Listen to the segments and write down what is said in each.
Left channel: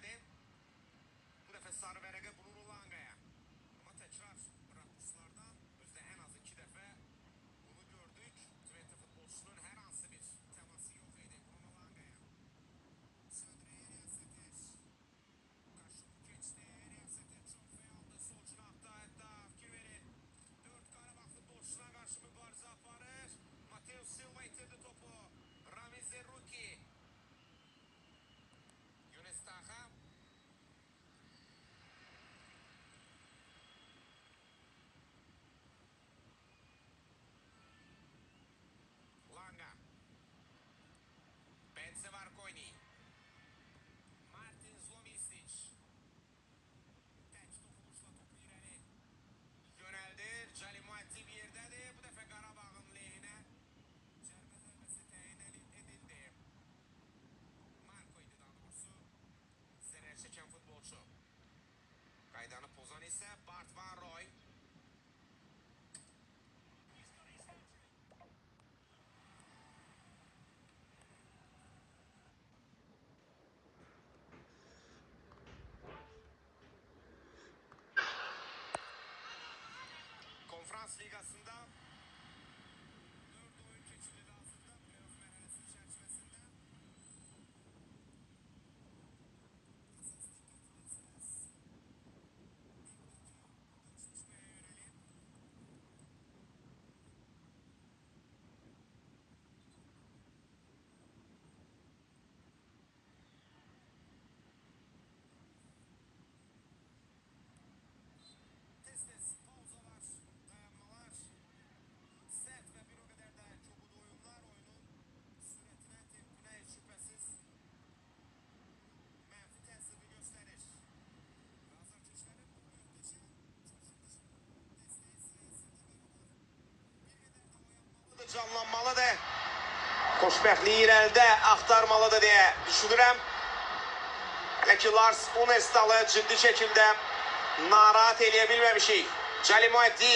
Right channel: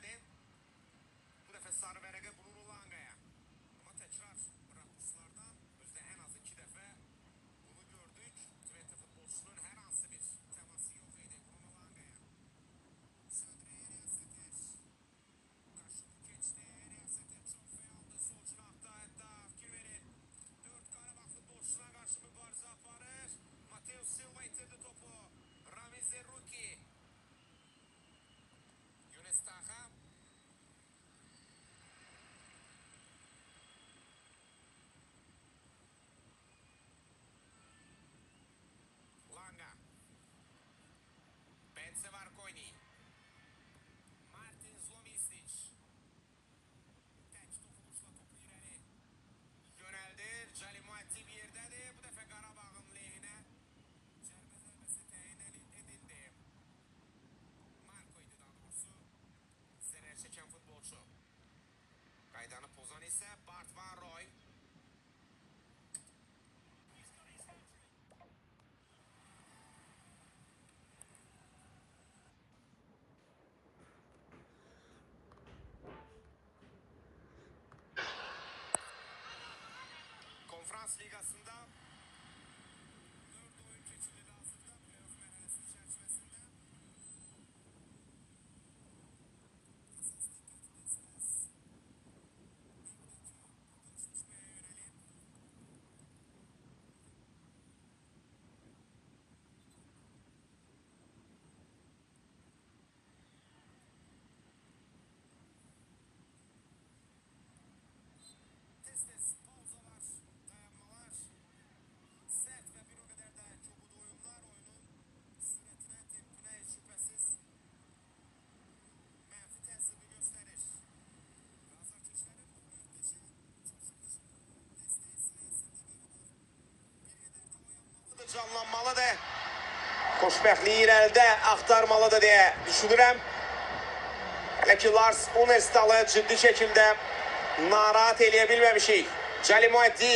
elədi. Bu dəfə sarı vərəqə Bruno Langaya. Amma təkrar rakurslardan özdə ən az 2 dəfə bunu gördük. Twente futbolçusunun hər hansı bir təması yox idi Bruno Langaya. Sandriye Riyaseteş. Qarşılığı keçdi. Riyaseteş çox fəyaldı. Sol cinahda hətta fikir verin. 4 Qarabağ futbolçusuna qarşı mübarizə aparır. Mateus Silva itirdi topu. Ramiz Zerruki. Yunus Taha. Langa. Bence Marconi. Martin Zlomisic. Tek dokunuşla topu ileri yöneldi. Cali Muaddi bir yerdedir. Bu defa Qarabağın lehine. Cərmə zərbəsi təyin edildi. Marco idi daha doğrusu. Zərər çəkən futbolçu. Qaydanı pozan isə Bart Van Roy. Konferans Ligası'nda 4 oyun seçildi hazırda playoff merhalesi çerçevesinde. Esas dikkat ederseniz buradaki eşleşmeye yönelim. Tez tez pauzalar, dayanmalar, sert ve bir o kadar da çabuk oyunlar oyunun süretine tepkine hiç şüphesiz menfi tesirini gösterir. Bazı ateşlerin muhteşem çalışması desteği sayesinde beraber canlanmalıdır. Xoşbəxtliyi irəlidə axtarmalıdır deyə düşünürəm. Hələ ki Lars Unestal'ı ciddi şəkildə narahat eləyə bilməmişik. Cali Muaddi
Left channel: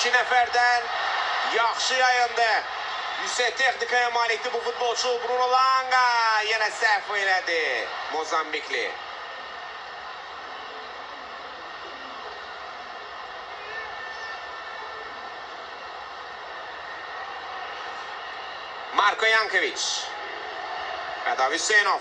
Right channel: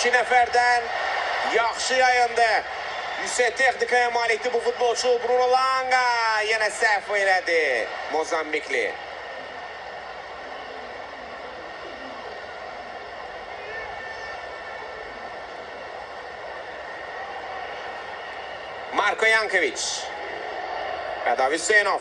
2 nəfərdən yaxşı yayındı. Yüksək texnikaya malikdir bu futbolçu. Bruno Langa yenə səhv elədi. Mozambikli. Marko Jankovic. Eda Hüseyinov.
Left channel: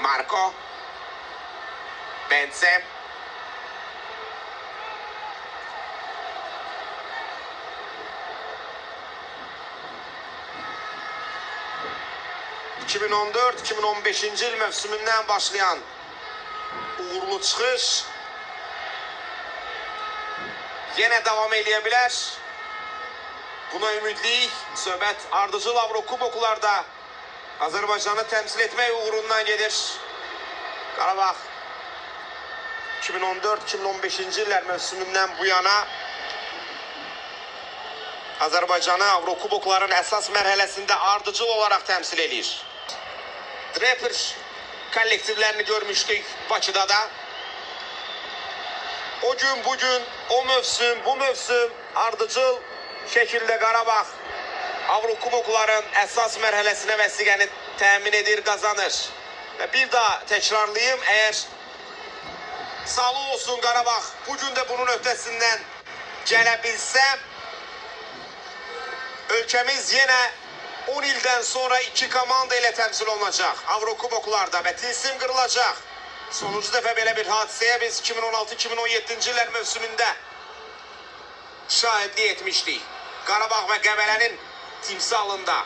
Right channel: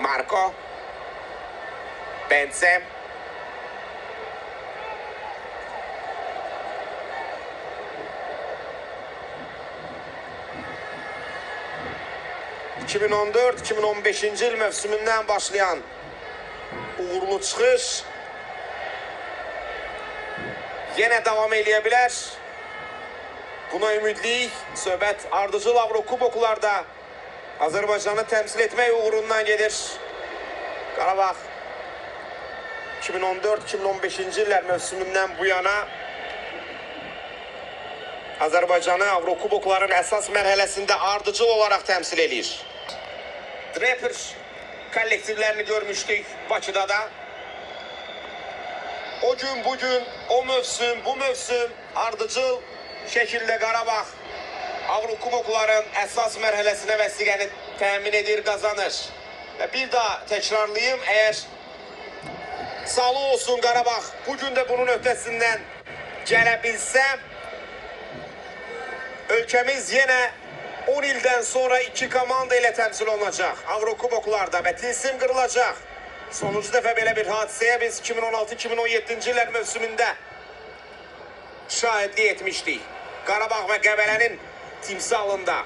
Marco. Bence. ...2014-2015 yıl mövsümündən başlayan uğurlu çıxış yenə davam eləyə bilər. Buna ümidliyik. Söhbət ardıcıl Avrokuboklarda Azərbaycanı təmsil etmək uğrundan gedir. Qarabağ 2014-2015 illər mövsümündən bu yana Azərbaycanı Avrokubokların əsas mərhələsində ardıcıl olaraq təmsil edir. Draper kollektivlərini görmüşdük Bakıda da. O gün, bugün, o mövsüm, bu mövsüm ardıcıl şəkildə Qarabağ Avrokubokların əsas mərhələsinə vəsiqəni təmin edir, qazanır. Və bir daha təkrarlayım, əgər sağlıq olsun Qarabağ bugün də bunun öhdəsindən gələ bilsə, ölkəmiz yenə 10 ildən sonra 2 komanda ilə təmsil olunacaq Avrokuboklarda və tilsim qırılacaq. Sonuncu dəfə belə bir hadisəyə biz 2016-2017-ci illər mövsümündə şahidlik etmişdik. Qarabağ və Qəbələnin timsalında.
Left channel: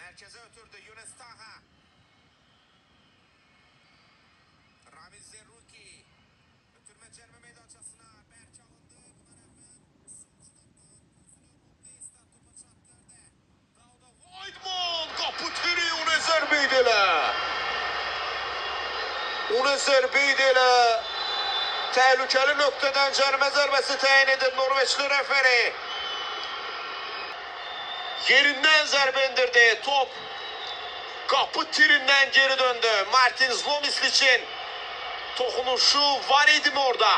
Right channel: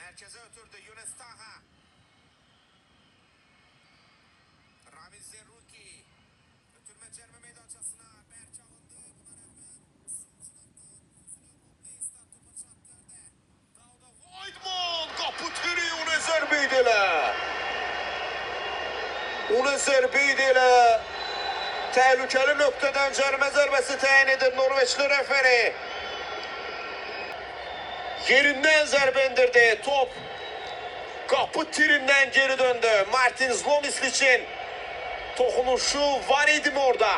Mərkəzə ötürdü Yunus Taha. Ramiz Zerruki. Ötürmə cərmə meydançasına Bərk alındı. Weidman qapı tiri ona zərbə edilə. Ona zərbə edilə. Təhlükəli nöqtədən cərmə zərbəsi təyin edir Norveçli referi. Yerindən zərbə indirdi. Top qapı tirindən geri döndü. Martin Zlomislic'in toxunuşu var idi mi orada?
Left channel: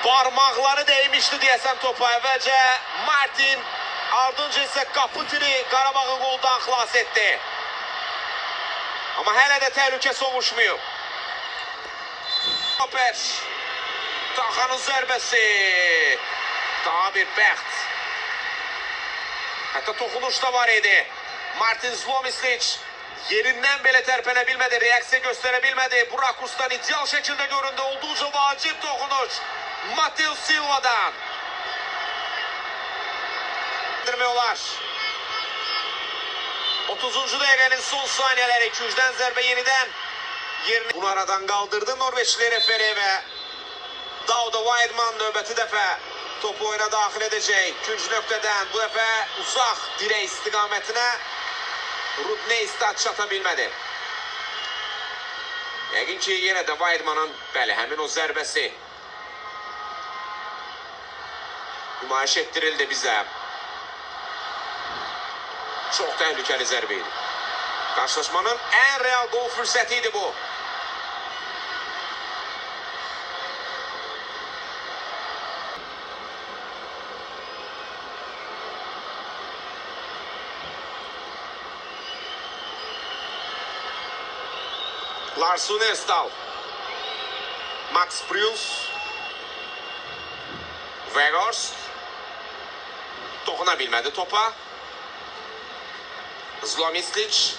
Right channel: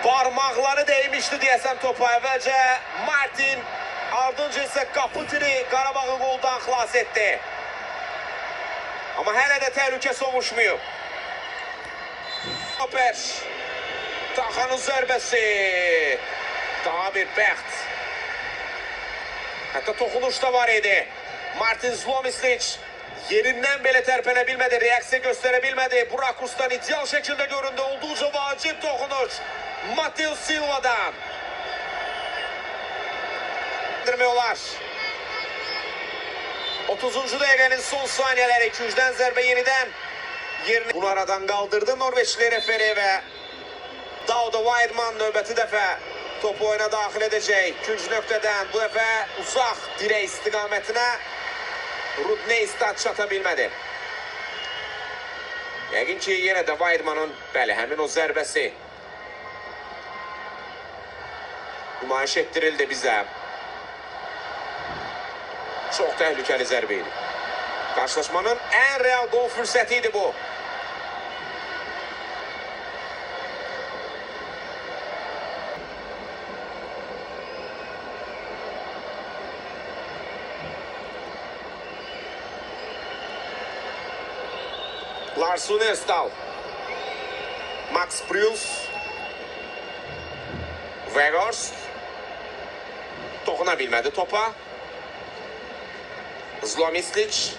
Parmakları değmişti deyəsən topa əvvəlcə Martin, ardınca isə Kaputiri Qarabağı qoldan xilas etdi. Amma hələ də təhlükə sovuşmayıb. Hoper, Taxanın zərbəsi, daha bir bəxt. Hətta toxunuş da var idi. Martin Zlomisic yerindən belə tərpənə bilmədi, reaksiya göstərə bilmədi. Bu rakursdan ideal şəkildə göründü, olduqca vacib toxunuş. Matheus Silva'dan. Olar. 30-cu dəqiqənin son saniyələri, 200-dən zərbə yenidən yerini bunu aradan qaldırdı Norveçli referi və Dauda Weidman növbəti dəfə topu oyuna daxil edəcək. 2-cü nöqtədən bu dəfə uzaq dirək istiqamətinə Rudneystad çata bilmədi. Yəqin ki, yenə də Weidmanın həmin o zərbəsi nümayiş etdirildi bizə. Çox təhlükəli zərbə idi. Qarşılaşmanın ən real gol fürsəti idi bu. Lars Unestal, Max Pryls, Weghorst toxuna bilmədi topa. Zlomisic,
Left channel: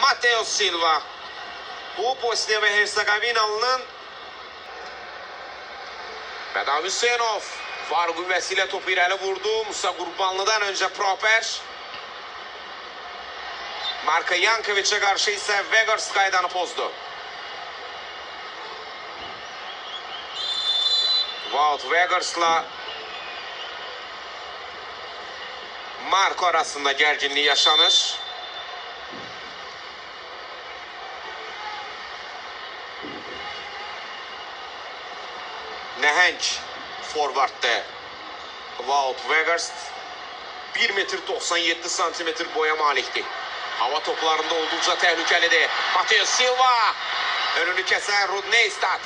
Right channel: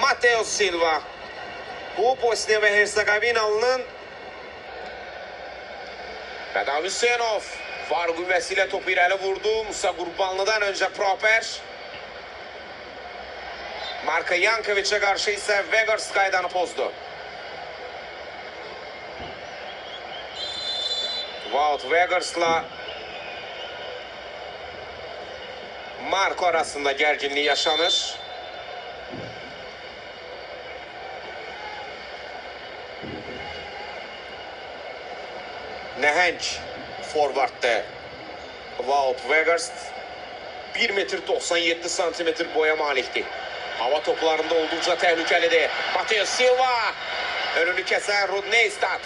Matheus Silva. Bu Bosniya və Hersegovinalının Bədar Hüseynov var qüvvəsilə topu irəli vurdu. Musa Qurbanlıdan öncə Proper. Marko Jankovic'e qarşı isə Weghorst qaydanı pozdu. Wout Weghorst'la Marko arasında gərginlik yaşanır. Nəhəng forvarddır Wout Weghorst. 1,97 m boya malikdir. Hava toplarında olduqca təhlükəlidir. Matheus Silva önünü kəsən Rudneystad.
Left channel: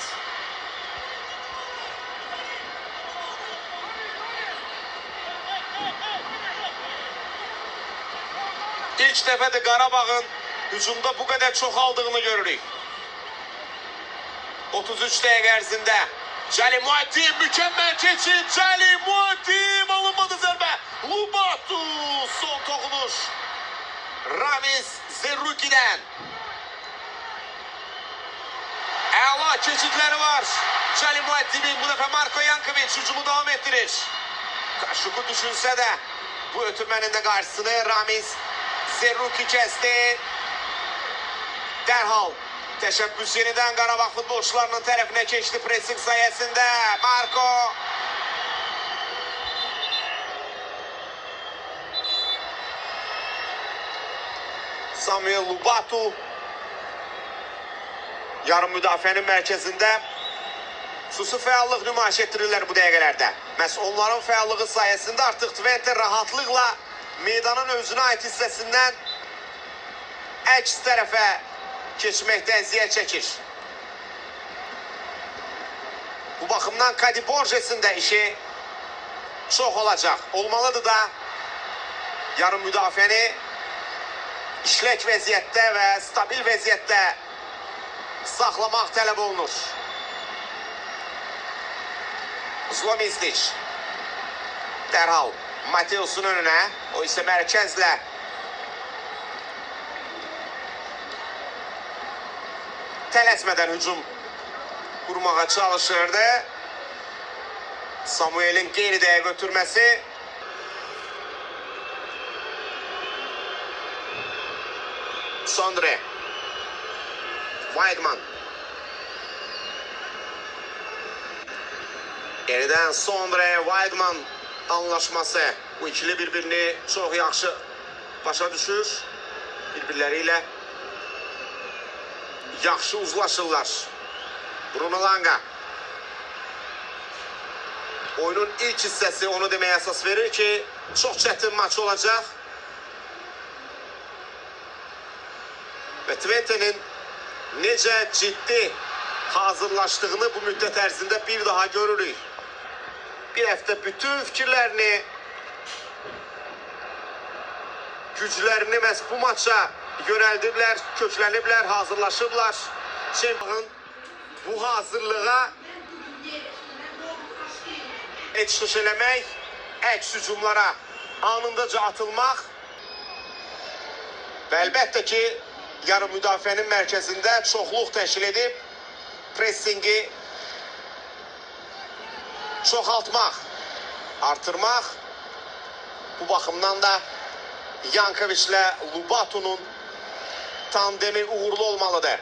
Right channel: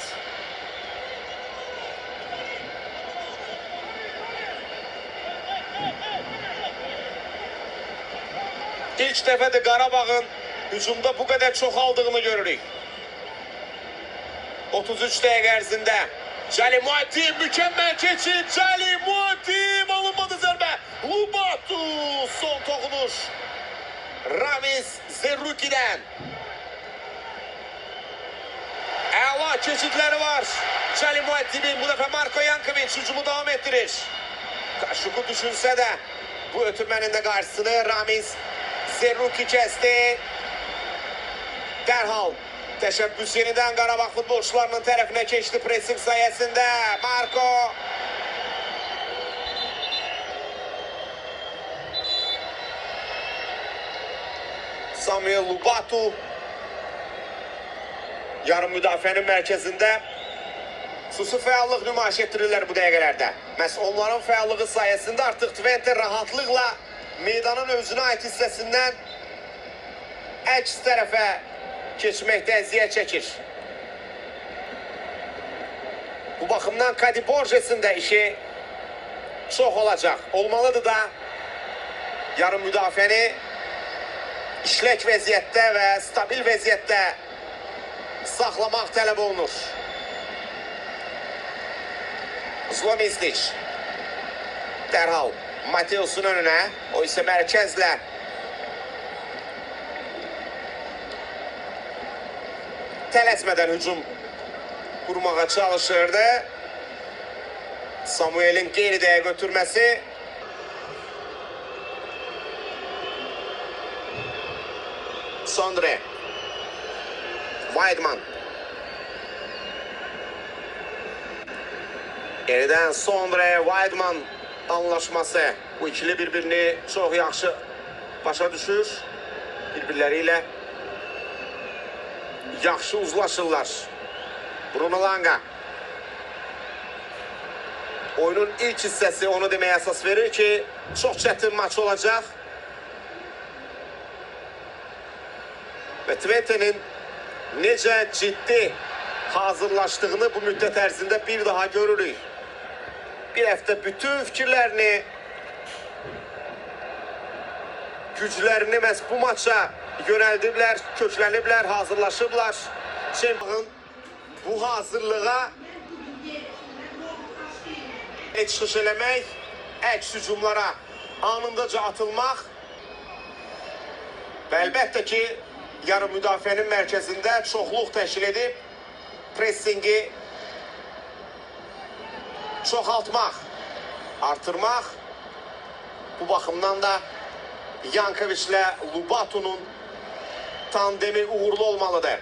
İlk dəfədir Qarabağın hücumda bu qədər çoxaldığını görürük. 33 dəqiqə ərzində Cəli Muatim mükəmməl keçid. Cəli Muatim alınmadı zərbə. Lubatu son toxunuş. Ramiz Zerruki'dən. Əla keçidləri var. Cəli Muatim'in bu dəfə Marko Jankovic hücumu davam etdirir. Kaşuku düşünsə də bu ötürmənin də qarşısını Ramiz Zerruki kəsdi. Dərhal təşəbbüs yenidən Qarabağ futbolçularının tərəfinə keçdi pressing sayəsində. Marko. Samuel Lubatu yarım müdafiənin mərkəzində xüsusi fəallıq nümayiş etdirirlər bu dəqiqələrdə. Məhz onların fəallığı sayəsində artıq Twente rahatlıqla meydanın özünə ait hissəsindən əks tərəfə keçməkdən əziyyət çəkir. Bu baxımdan Kadi Borges'in də işi çox olacaq. Olmalıdır da yarım müdafiəni işlək vəziyyətdə və stabil vəziyyətdə saxlamaq tələb olunur. Zlomisic dərhal Matheusun önünə, o isə mərkəzlə tələsmədən hücum qurmağa çalışırdı. Samuel'in geridə götürməsi Sondre Weidman Geriden Sondre Weidman anlaşması. Bu ikili bir-birini çox yaxşı başa düşür. Bir-birləriyle yaxşı uzlaşırlar. Bruno Langa oyunun ilk hissəsi onu deməyə əsas verir ki çox çətin maç olacaq. Və Twente'nin necə ciddi hazırlaşdığını bu müddət ərzində bir daha görürük. Bir həftə bütün fikirlərini, güclərini məhz bu maça yönəldiblər, kökləniblər, hazırlaşıblar. Çempionun bu hazırlığa çıxış eləmək, əks hücumlara anındaca atılmaq və əlbəttə ki, yarım müdafiənin mərkəzində çoxluq təşkil edib pressingi çoxaltmaq, artırmaq. Bu baxımdan da Yankovic ilə Lubatu'nun tandemi uğurlu olmalıdır.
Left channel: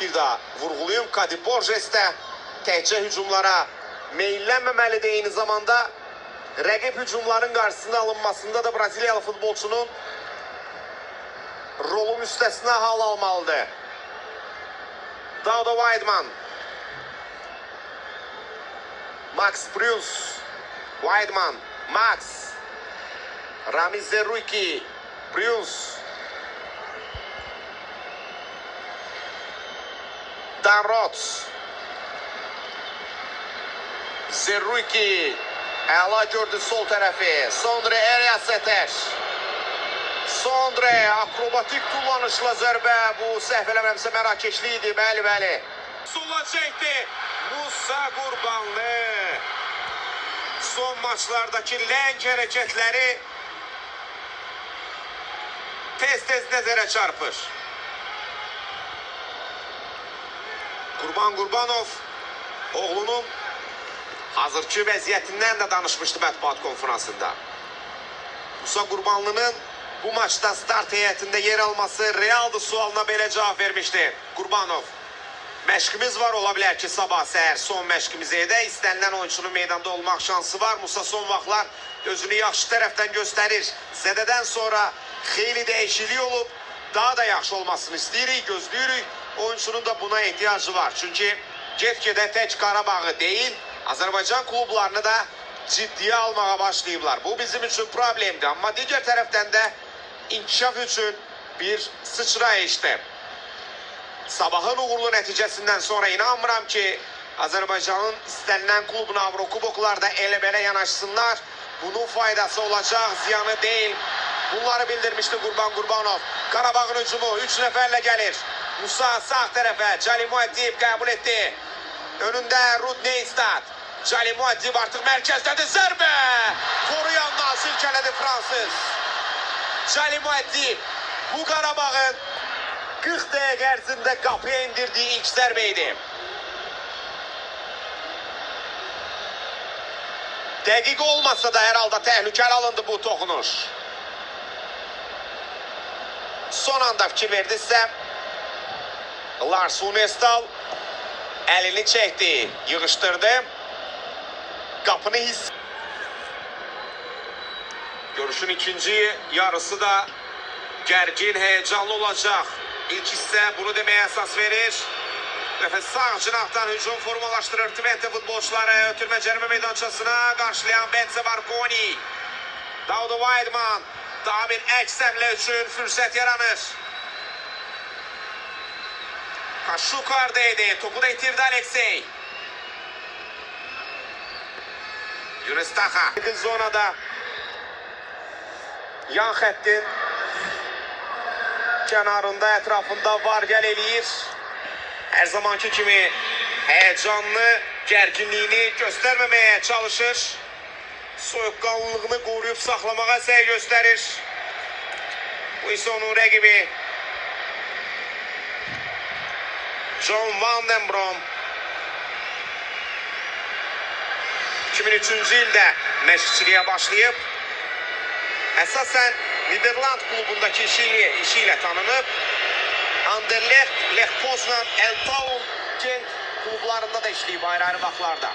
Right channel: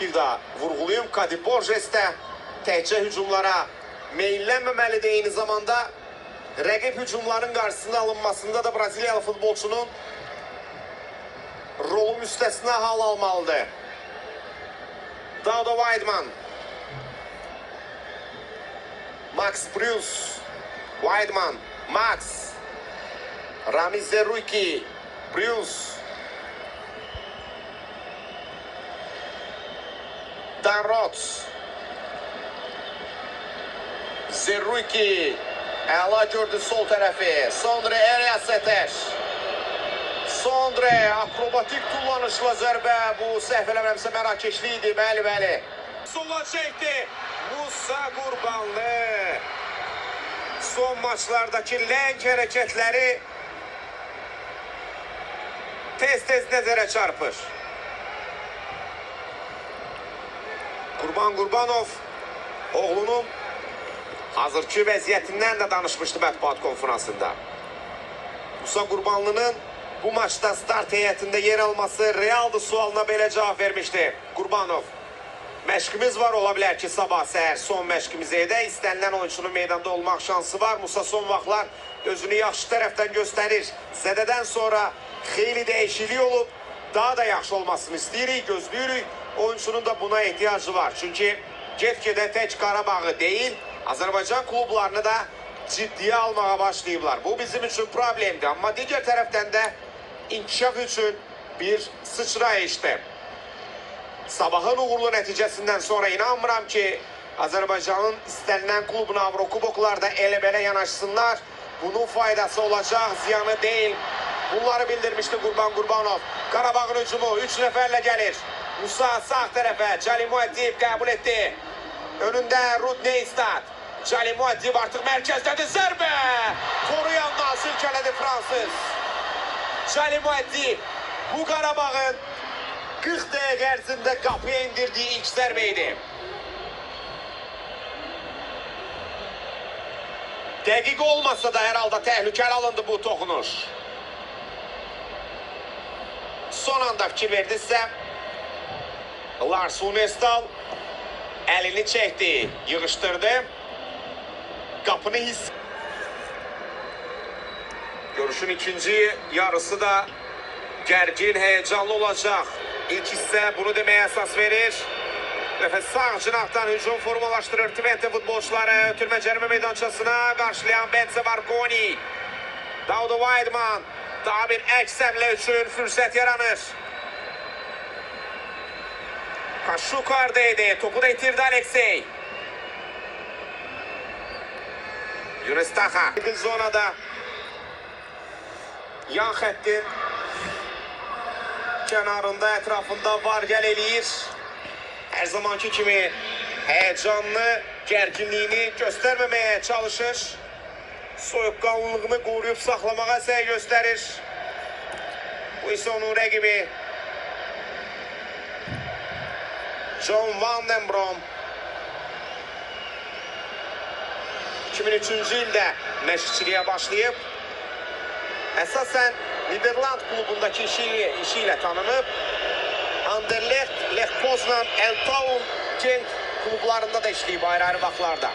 Bir daha vurğulayım, Kadi Borges də təkcə hücumlara meyillənməməlidir, eyni zamanda rəqib hücumların qarşısında alınmasında da Braziliyalı futbolçunun rolun üstəsinə hal almalıdır. Dauda Weidman, Max Bruns, Weidman, Max, Ramiz Zerruiki, Bruns, Dan Roth, Zerruiki, əla gördü sol tərəfi, Sondre Elias Eter. Sondre akrobatik kullanışla zərbə, bu səhv eləmirəmsə mərakeşli idi, bəli. Sola çəkdi, Musa Qurbanlı. Son maçlardakı ləng hərəkətləri tez-tez nəzərə çarpır. Qurban Qurbanov oğlunun hazırki vəziyyətindən də danışmışdı mətbuat konferansında. Musa Qurbanlının bu maçda start heyətində yer alması realdır sualına belə cavab vermişdi Qurbanov. Məşqimiz var, ola bilər ki, sabah səhər son məşqimizi edək. İstənilən oyunçunun meydanda olmaq şansı var. Musa son vaxtlar özünü yaxşı tərəfdən göstərir. Zədədən sonra xeyli dəyişiklik olub, daha da yaxşı olmasını istəyirik, gözləyirik. Oyunçunun da buna ehtiyacı var. Çünki get-gedə tək Qarabağı deyil, Azərbaycan klublarını da ciddiyə almağa başlayıblar. Bu bizim üçün problemdir. Amma digər tərəfdən də inkişaf üçün bir sıçrayışdır. Sabahın uğurlu nəticəsindən sonra inanmıram ki, Azərbaycanın istənilən klubuna Avrokuboklarda elə-belə yanaşsınlar. Bunun faydası olacaq, ziyanı deyil. Bunları bildirmişdi Qurban Qurbanov. Qarabağın hücumu 3 nəfərlə gəlir. Musa sağ tərəfə, Cali Muəddib qəbul etdi. Önündə Rud Neystad. Cali Muəddib artıq mərkəzdədir, zərbə! Koruyanla silkələdi Fransız. Cali Muəddib bu Qarabağın 40 dəqiqə ərzində qapıya indirdiyi ilk zərbə idi. Dəqiq olmasa da hər halda təhlükəli alındı bu toxunuş. Son anda fikir verdisə, Lars Hunestal əlini çəkdi, yığışdırdı. Qapını hiss. Görüşün ikinci yarısı da gərgin, heyecanlı olacaq. İlk hissə bunu deməyə əsas verir. Nəfəs sağ cinahdan hücum formalaşdırır Twente futbolçuları. Ötürmə cərimə meydançasına qarşılayan Benze Vargoni. Dauda Weidman. Daha bir əks həmlə üçün fürsət yaranır. Kaşukardaydı. Topu da itirdi Aleksey. Yunus Taha. Zonada yan xəttin kənarında, ətrafında var gəl eləyir. Hər zamanki kimi həyəcanlı, gərginliyini göstərməməyə çalışır. Soyuqqanlılığını qoruyub saxlamağa səy göstərir. Bu isə onun rəqibi John Van den Brom. 2003-cü ildə məşqçiliyə başlayıb. Əsasən Niderland klubundakı işi ilə tanınıb. Anderlecht, Lech Poznan, Eltown, Genk klublarında da işləyib ayrı-ayrı vaxtlarda.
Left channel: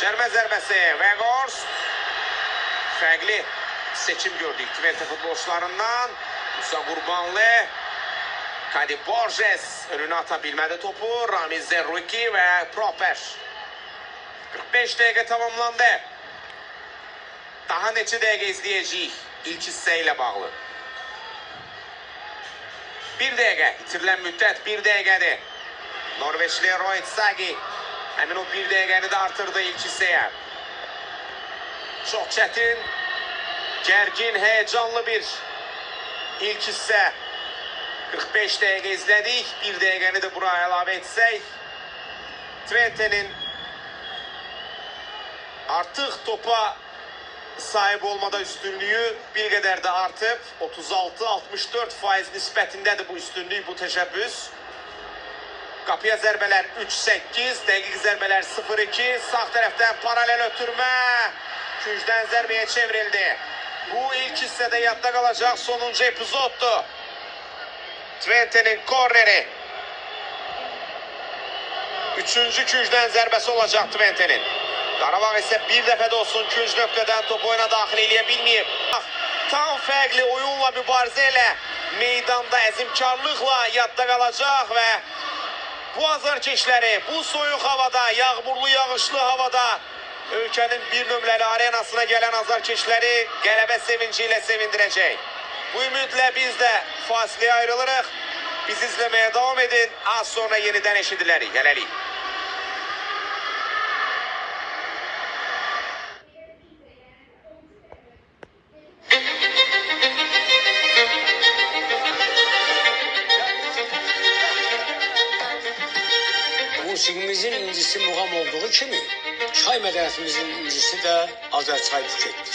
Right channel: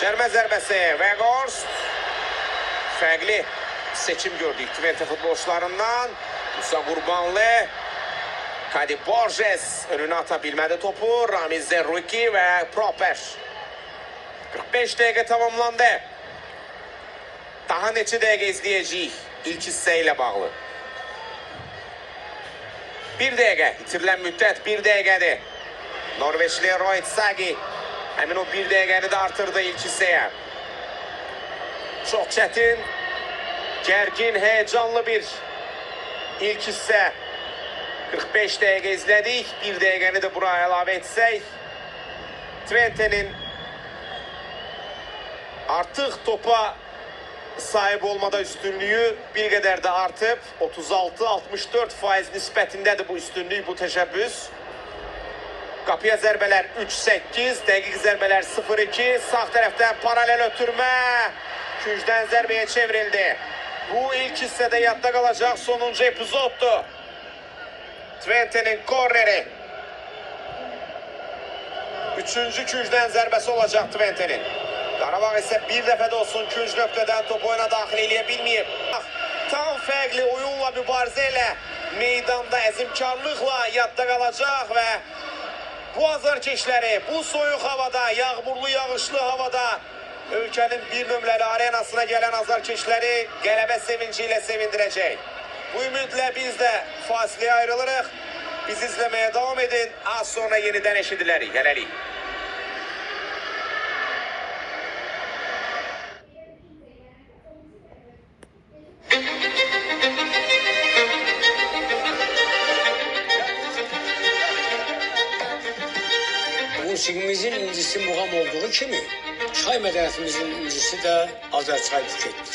Cərmə zərbəsi Weghorst. Fərqli seçim gördük Twente futbolçularından. Musa Qurbanlı, Kadi Borges önünə ata bilmədi topu. Ramiz Zerruiki və Proper. 45 dəqiqə tamamlandı. Daha neçə dəqiqə izləyəcəyik ilk hissə ilə bağlı. Bir dəqiqə. İtirilən müddət bir dəqiqədir. Norveçli Roy Sagi həmin o bir dəqiqəni də artırdı ilk hissəyə. Çox çətin, gərgin, heyecanlı bir ilk hissə. 45 dəqiqə izlədik. Bir dəqiqəni də bura əlavə etsək, Twente'nin artıq topa sahib olmada üstünlüyü bir qədər də artıb. 36-64% nisbətindədir bu üstünlük, bu təşəbbüs. Qapıya zərbələr 3-8, dəqiq zərbələr 0-2. Sağ tərəfdən paralel ötürmə. Küncdən zərbəyə çevrildi. Bu ilk hissədə yadda qalacaq sonuncu epizoddur. Twente'nin korneri. Üçüncü küncdən zərbəsi olacaq Twente'nin. Qarabağ isə bir dəfə də olsun künc nöqtədən top oyuna daxil eləyə bilməyib. Tam fərqli oyunla, mübarizə ilə, meydanda əzimkarlıqla yadda qalacaq və bu azarkeşləri, bu soyuq havada, yağmurlu, yağışlı havada ölkənin bir nömrəli arenasına gələn azarkeşləri qələbə sevinci ilə sevindirəcək. Bu ümidlə biz də fasiləyə ayrılırıq. Biz izləməyə davam edin. Az sonra yenidən eşidilərik. Hələlik. Musiqimizin incisi muğam olduğu kimi, çay mədəniyyətimizin incisi də Azərçay buketdir.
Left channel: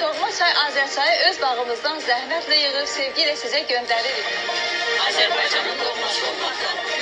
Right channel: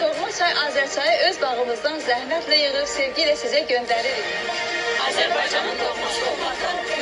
Doğma çay Azərçayı öz bağımızdan zəhmətlə yığıb sevgi ilə sizə göndəririk. Azərbaycanın doğması olmaqdan